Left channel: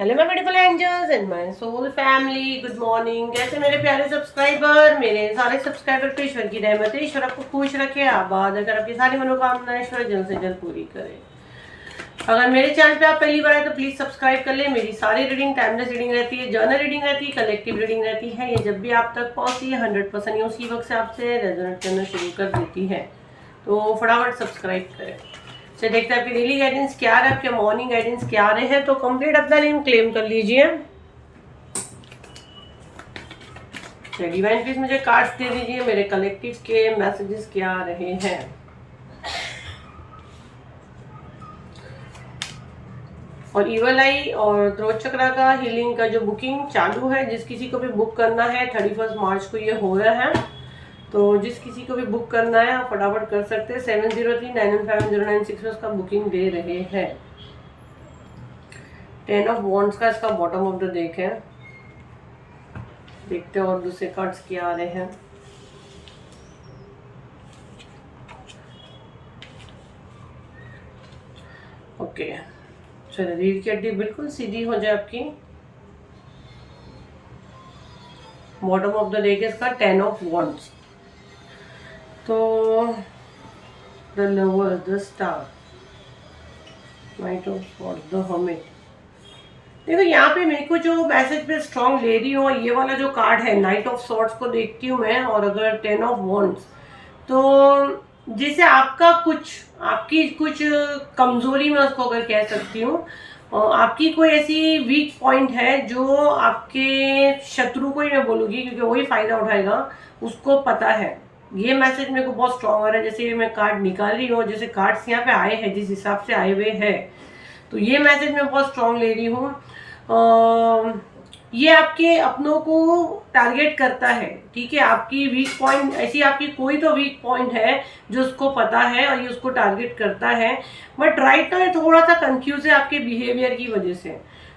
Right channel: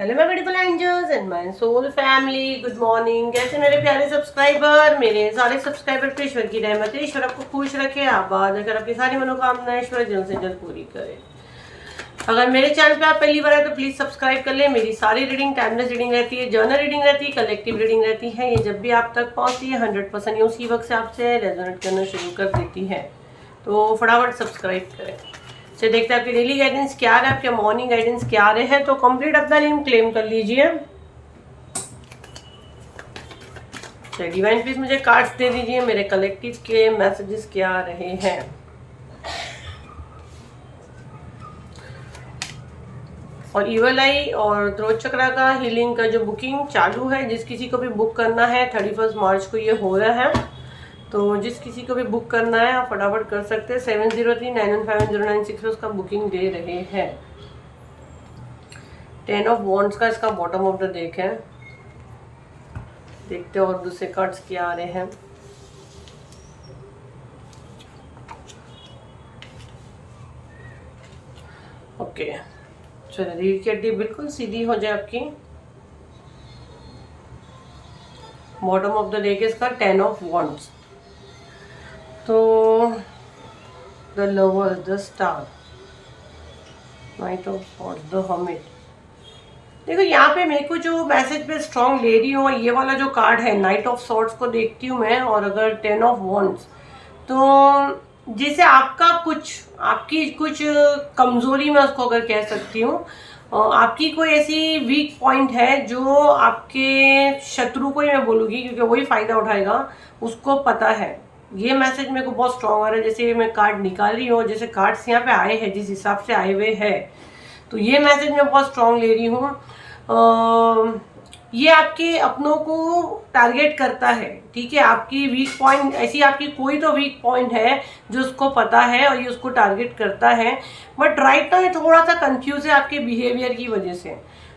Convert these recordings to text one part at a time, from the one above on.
Hello my beautiful angels and my soul family, good morning. कैसे मेरे प्यारे subscriber, मेरे सारे सब्सक्राइबर पे ईश्वर की रहमत है। ईश्वर आपको खुश रखे, आबाद अगर आपकी सारी मनोकामनाएं ईश्वर जल्द से जल्द पूरी करे। अगर मेरे चैनल पे आप पहली बार आए तो प्लीज सब्सक्राइब कर ले। मेरी सारी रीडिंग टाइमलेस रीडिंग रहती है, जर्नल रीडिंग रहती है, कलेक्टिव रीडिंग रहती है। ये जब भी आप तक पहुंचती है 100% ये उसी वक्त से आपसे रेजोनेट करना शुरू कर देती है, तो फटाफट सब्सक्राइब करें। चलिए देखते हैं आपकी डेली गाइडेंस क्या रहे, आपके मॉर्निंग गाइडेंस क्या रहे हैं। तो कंप्लीट अपना नेम क्लेम कर लीजिए। चलिए डिवाइन प्लीज मुझे कार्ड्स दे दीजिए, मेरे कलेक्टिव के मैसेजेस क्या रहे हैं। और ईवल आई और थ्रोट चक्रा का हीलिंग का जो बुकिंग चालू है, जिस किसी को भी बुक करना है 31 मार्च को ये हो रहा है, तो जिस किसी को भी बुक करना है आप फटाफट कर सकते हैं। 7039150996 उसका बुकिंग दे रहे हैं। 10 ऑफ वॉन्ड्स का इसका बॉटम ऑफ द डेक है। देखते हैं और दूसरे कार्ड्स क्या आ रहे हैं। ओके चलो, रीढ़ की हड्डी बिल्कुल सीधी हो जाए आपकी। बॉटम ऑफ द डेक इसका 10 ऑफ वॉन्ड्स। तो the lover, the star, night of swords, the hermit. देखो यहाँ पे मेरे को जो मैसेज पे स्ट्रॉन्ग ले रही हूँ, ये वाला जो कार्ड है नाइट ऑफ सॉर्ड्स को देखती हूँ मैं, और अगर 10 ऑफ वॉन्ड्स, तो जैसे आपका कुछ, आपकी कुछ कमजोरी मैं उसको अगर कह सकती हूँ, आपकी कोई ऐसी वीक पॉइंट है जो आपके शत्रु को ही मैं बोलूँगी, क्योंकि वही फायदा उठाएगा, उसको पता है। ये मैसेज मेरे को बहुत स्ट्रॉन्ग आ रहा है। जैसे मैं कार्ड निकाल रही हूँ, जैसे कार्ड्स यहाँ पे आए हैं जिस हिसाब से आए हुए हैं, तो ये मैसेज मैं बहुत स्ट्रॉन्ग ले रही हूँ। ये आपके अपनों को टारगेट करता है, ठीक है। आपकी वीक पॉइंट, ऐसी आपकी कोई तो वीक पॉइंट है जो उसको पता है और ये उसको टारगेट करता है। बट राइट नाउ ये थोड़ा सा कंफ्यूज है आपके बिहेवियर की वजह से।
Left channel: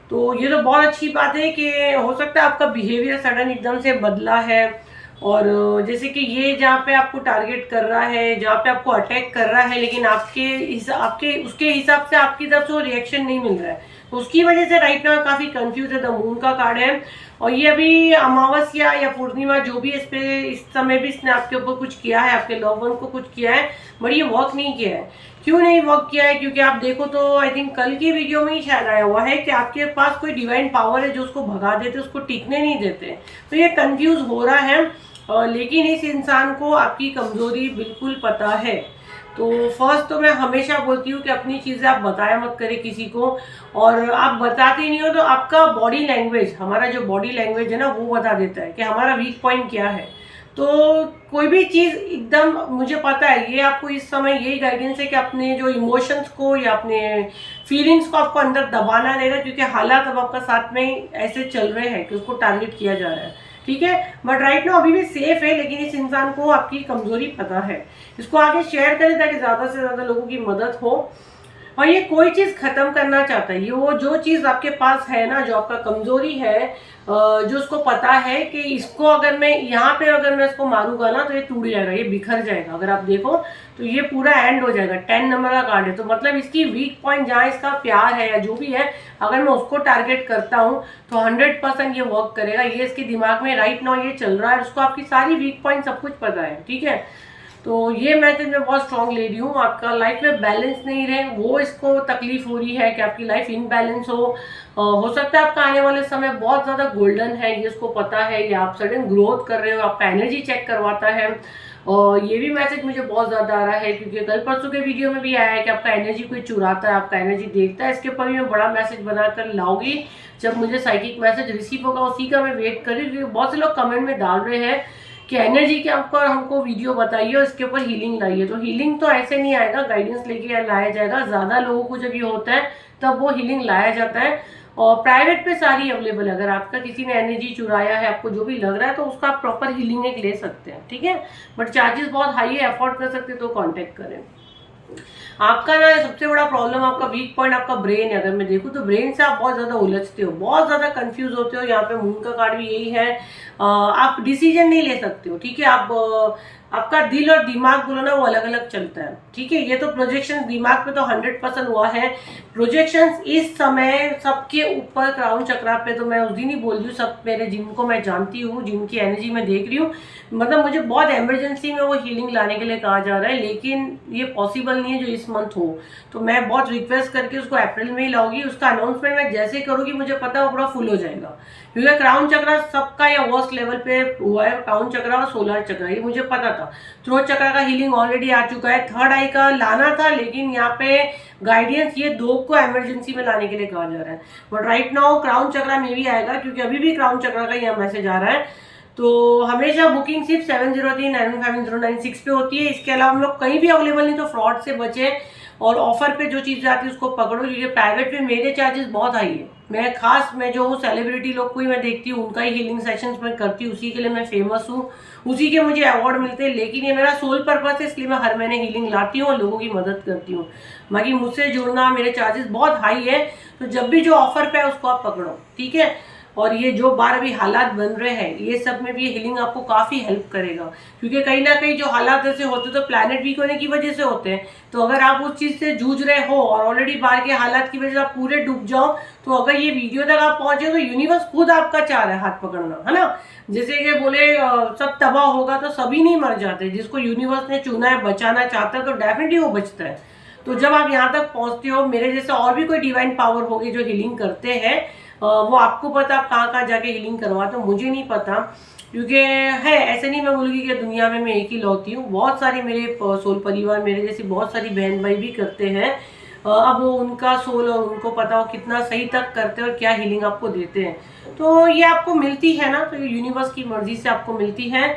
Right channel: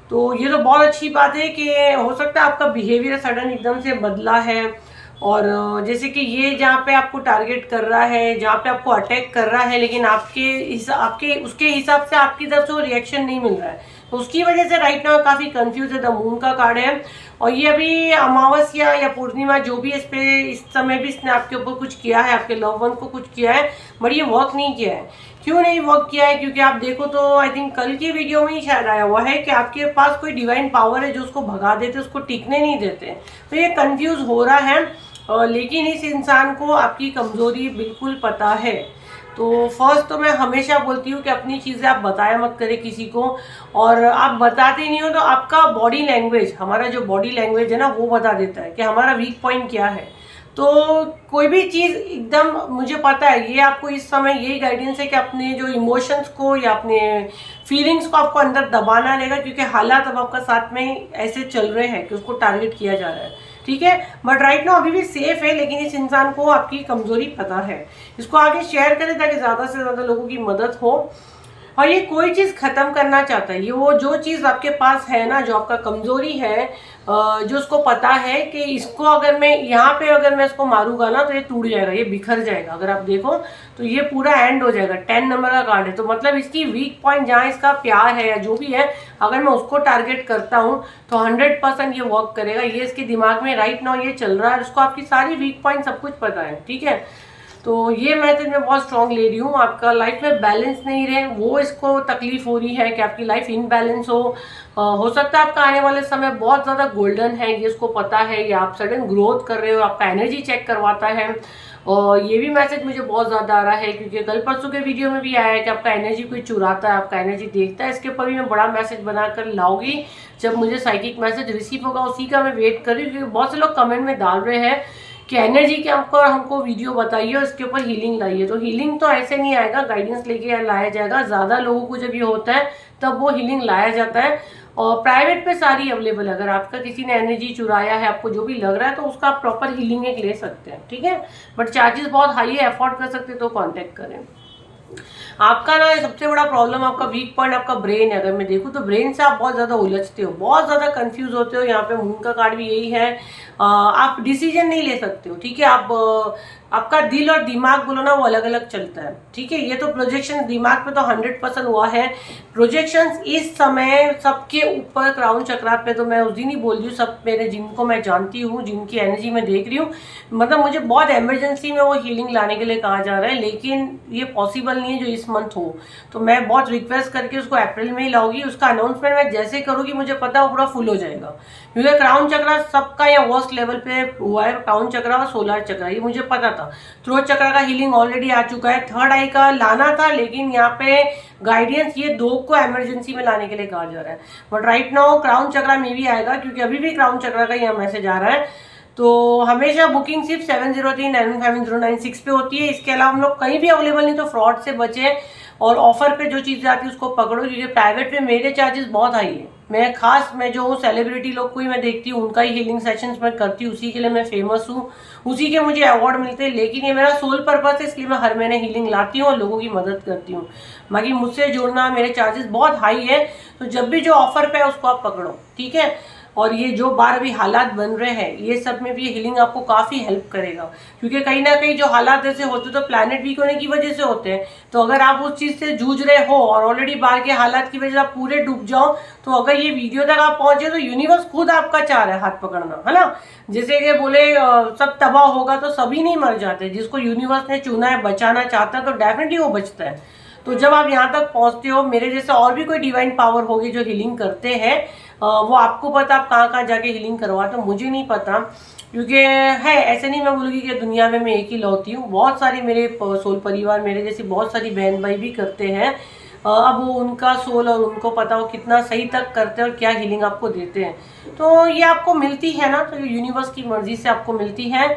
तो ये तो बहुत अच्छी बात है कि हो सकता है आपका बिहेवियर सडन एकदम से बदला है, और जैसे कि ये जहाँ पे आपको टारगेट कर रहा है, जहाँ पे आपको अटैक कर रहा है, लेकिन आपके उसके हिसाब से आपकी तरफ से वो रिएक्शन नहीं मिल रहा है, तो उसकी वजह से राइट नाउ काफ़ी कंफ्यूज है। द मून का कार्ड है, और ये अभी अमावस्या या पूर्णिमा जो भी इस पे इस समय भी इसने आपके ऊपर कुछ किया है, आपके लव वन को कुछ किया है, बट ये वर्क नहीं किया है। क्यों नहीं वर्क किया है? क्योंकि आप देखो तो आई थिंक कल की वीडियो में ही शायद आया हुआ है कि आपके पास कोई डिवाइन पावर है जो उसको भगा देते, उसको टिकने नहीं देते। तो ये कंफ्यूज हो रहा है, लेकिन इस इंसान को आपकी कमजोरी बिल्कुल पता है। तो फर्स्ट तो मैं हमेशा बोलती हूँ कि अपनी चीज़ें आप बताया मत करें किसी को, और आप बताते नहीं हो तो आपका बॉडी लैंग्वेज, हमारा जो बॉडी लैंग्वेज है ना, वो बता देता है कि हमारा वीक पॉइंट क्या है। तो कोई भी चीज़ एकदम, मुझे पता है ये आपको इस समय यही गाइडेंस है कि अपने जो इमोशंस को या अपने फीलिंग्स को आपको अंदर दबाना रहेगा, क्योंकि हालात अब आपका साथ में ऐसे चल रहे हैं कि उसको टारगेट किया जा रहा है, ठीक है। बट राइट नाउ अभी भी सेफ है, लेकिन इस इंसान को आपकी कमजोरी पता है। इसको आगे शेयर करें ताकि ज़्यादा से ज़्यादा लोगों की मदद हो। और ये कोई चीज़ ख़त्म करना चाहता है, ये वो जो चीज़ आपके पास है ना, जो आपका कमज़ोरी है, जो उसको पता है कि इसको अगर मैं यहाँ पे अगर मैं इसको मारूंगा ना तो ये टूट जाएगा, ये बिखर जाएगा। अगर आप देखो तो ये पूरा एंड हो जाएगा। 10 नंबर का कार्ड है, तो मतलब इसकी वीक पॉइंट जहाँ इसका प्यार है या जो भी है, अगर मैं उसको टारगेट करता हूँ तो 100% ये वर्क करेगा। ये इसके दिमाग में राइट नाउ ये चल रहा है, उसको आपकी सारी वीक पॉइंट सब कुछ पता है, ठीक है। तो ये मैसेज मैं बहुत स्ट्रॉन्ग ले रही हूँ। आपका लाइफ में बैलेंस नहीं रहे, वो इसको तकलीफ हो रही है कि आपकी लाइफ इनबैलेंस हो सकता है आपका आने वाले समय बहुत ज़्यादा गोल्डन है, ये इसको पता है, या आप सडन ग्रोथ कर रहे हो, आपका एनर्जी चेक करवाता है। और ये भी मैसेज मुझे बहुत ज़्यादा आ रहा है, क्योंकि कल परसों के वीडियो में भी आया है कि आपका एनर्जी कोई चुराता है, आपका एनर्जी देखता है। इसके ऊपर भी मैं बड़ा मैसेज बनाकर लाऊंगी जब मुझे साइकिक मैसेज रिसीव होगा, उसी का मैं वेट कर रही हूँ। बहुत से लोग कमेंट में डाल रहे हैं कि एनर्जी के ऊपर हमको वीडियो बताइए और इसके ऊपर हीलिंग लाइए। तो हीलिंग तो ऐसे नहीं आएगा, गाइडेंस लेके लाया जाएगा। ज़्यादा लोगों को जब ये होता है तब वो हीलिंग लाया जाता है, और प्राइवेट पे सारी अवेलेबल है। अगर आपका किसी ने एनर्जी चुराया है, आपको जो भी लग रहा है, तो उसका आप प्रॉपर हीलिंग एक ले सकते हैं, ठीक है। बट चार्जेस बहुत हाई है, अफोर्ड कर सकते तो कॉन्टेक्ट करें। आपका ना सबसे बड़ा प्रॉब्लम, आपका वीक पॉइंट आपका ब्रेन है। अगर मैं देखूँ तो ब्रेन से आप बहुत ज़्यादा उलझते हो, बहुत ज़्यादा कंफ्यूज होते हो। यहाँ पे मून का कार्ड भी यही है। आप डिसीजन नहीं ले सकते हो, ठीक है। आपका दिल और दिमाग बोलो ना वो अलग अलग चलता है, ठीक है। ये तो प्रोजेक्शन दिमाग पे तो 100% हुआ है। प्रोजेक्शंस इस समय सबके ऊपर क्राउन चक्रा पे तो मैं उस दिन ही बोल रही हूँ, सब मेरे जिनको मैं जानती हूँ, जिनकी एनर्जी मैं देख रही हूँ, मतलब मुझे बहुत इमरजेंसी में वो हीलिंग लाने के लिए कहा जा रहा है, लेकिन ये पॉसिबल नहीं है जो इस मंथ हो। तो मैं बहुत रिक्वेस्ट करके उसको अप्रैल में ही लाऊंगी। उसका अनाउंसमेंट मैं जैसे करूँगी मुझे पता है वो पूरा फुल हो जाएगा, क्योंकि क्राउन चक्रा सबका या वर्स्ट लेवल पे हुआ है। क्राउन चक्रा और सोलर चक्रा ये मुझे पता था। थ्रोट चक्रा का हीलिंग ऑलरेडी आ चुका है, थर्ड आई का लाना था, लेकिन यहाँ पे गाइडेंस ये दो को इमरजेंसी में लाने के लिए कहा जा रहा है। बट राइट नाउ क्राउन चक्रा में भी आएगा, क्योंकि अभी भी क्राउन चक्रा का यहाँ मैसेज आ रहा है। तो हमेशा बुकिंग सिर्फ 7039159096 पे होती है। इसके अलावा हम लोग कहीं भी अवेलेबल नहीं, तो फ्रॉड से बचे और ऑफर पे जो चीज़ आती है उसको पकड़ो, क्योंकि प्राइवेट पे मेरे चार्जेस बहुत हाई है। मैं जो सेलिब्रिटी लोग को ही मैं देखती हूँ, उनका ही हीलिंग सेशंस मैं करती हूँ, उसी के लिए मैं फेमस हूँ, उसी के मुझे अवार्ड मिलते हैं। लेकिन ये मेरा सोल पर्पस है, इसलिए मैं हर महीने हीलिंग लाती हूँ और लोगों की मदद करती हूँ। बाकी मुझसे जुड़ना, मेरे चार्जेस बहुत हाई है, तो जब भी जो ऑफर पे है उसको आप पकड़ो, ठीक है। और ये जो बार अभी हालात बन रहे हैं ये सब में भी हीलिंग आपको काफ़ी हेल्प करेगा, क्योंकि कहीं ना कहीं जो हालात ऐसे होते तो प्लैनेट वीक होने की वजह से होते हैं। तो अगर आप उस चीज़ से जूझ रहे हो और ऑलरेडी बाहर के हालात की वजह से आप पूरे डूब जाओ, तो अगर ये वीडियो तक आप पहुंचे तो यूनिवर्स खुद आपका चाह रहा है हाथ पकड़ना, है ना। जैसे कि बोले सब तबाह होगा तो सभी नहीं मर जाते, जिसको यूनिवर्स ने चुना है, बचाना चाहता है तो डेफिनेटली वो बचता है। तो जब आप यहाँ तक पहुँचते हो, मेरे जैसे और भी कोई डिवाइन पावर होगी जो हीलिंग करते हैं, वो आपको पता आप कहाँ कहाँ जाके हीलिंग करवाते हो, मुझे नहीं पता। क्योंकि है ऐसे नहीं मैं बोलूँगी कि दुनिया में मैं एक ही लौती हूँ, बहुत सारी मेरे सोल परिवार, मेरे जैसी बहुत सारी बहन भाई भी करते हैं। अब वो उनका सोल और उनको पता हो कितना सही तक करते हैं और क्या हीलिंग आपको देते हैं। तो ये आपको मिलती है ना, तो ये यूनिवर्स की मर्जी से आपको मिलती है।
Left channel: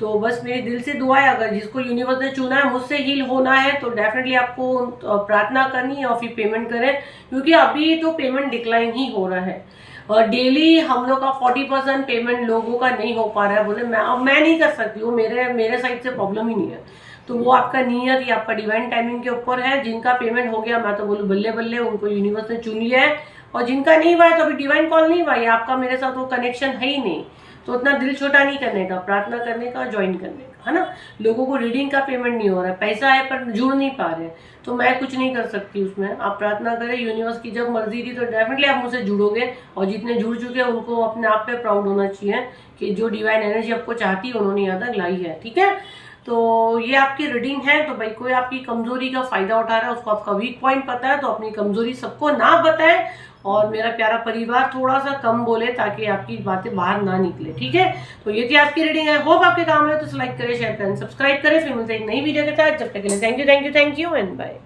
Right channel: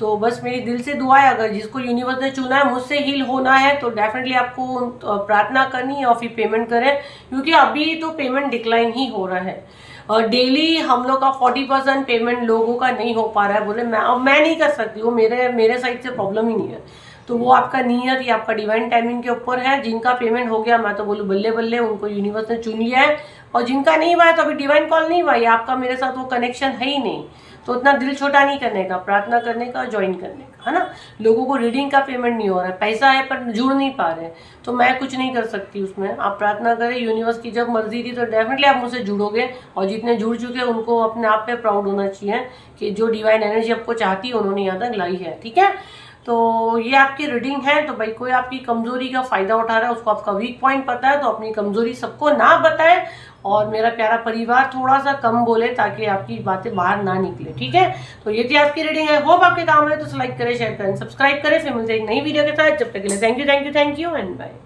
तो बस मेरी दिल से दुआ है, अगर जिसको यूनिवर्स ने चुना है मुझसे हील होना है तो डेफिनेटली आपको प्रार्थना करनी है और फिर पेमेंट करें, क्योंकि अभी तो पेमेंट डिक्लाइन ही हो रहा है। डेली हम लोग का 40% पेमेंट लोगों का नहीं हो पा रहा है। बोले मैं नहीं कर सकती, वो मेरे साइड से प्रॉब्लम ही नहीं है। तो वो आपका नियत या आपका डिवाइन टाइमिंग के ऊपर है। जिनका पेमेंट हो गया मैं तो बोलूँ बल्ले बल्ले, उनको यूनिवर्स ने चुन लिया है। और जिनका नहीं हुआ है तो अभी डिवाइन कॉल नहीं हुआ है, आपका मेरे साथ वो कनेक्शन है ही नहीं, तो उतना दिल छोटा नहीं करने का, प्रार्थना करने का, ज्वाइन करने का, है ना। लोगों को रीडिंग का पेमेंट नहीं हो रहा है, पैसा है पर जुड़ नहीं पा रहे, तो मैं कुछ नहीं कर सकती उसमें। आप प्रार्थना करें, यूनिवर्स की जब मर्जी थी तो डेफिनेटली आप मुझसे जुड़ोगे। और जितने जुड़ चुके हैं उनको अपने आप पे प्राउड होना चाहिए कि जो डिवाइन एनर्जी आपको चाहती है उन्होंने यहाँ तक लाई है, ठीक है। तो ये आपकी रीडिंग है। तो भाई कोई आपकी कमजोरी का फायदा उठा रहा है, उसको आपका वीक पॉइंट पता है, तो अपनी कमजोरी सबको ना बताए और मेरा प्यारा परिवार थोड़ा सा कम बोले, ताकि आपकी बातें बाहर ना निकले, ठीक है। तो ये थी आपकी रीडिंग है, होप आपके काम है। तो लाइक करें, शेयर करें, सब्सक्राइब करें। फिर मिलते हैं एक नई वीडियो के साथ, जब तक के लिए थैंक यू एंड बाय।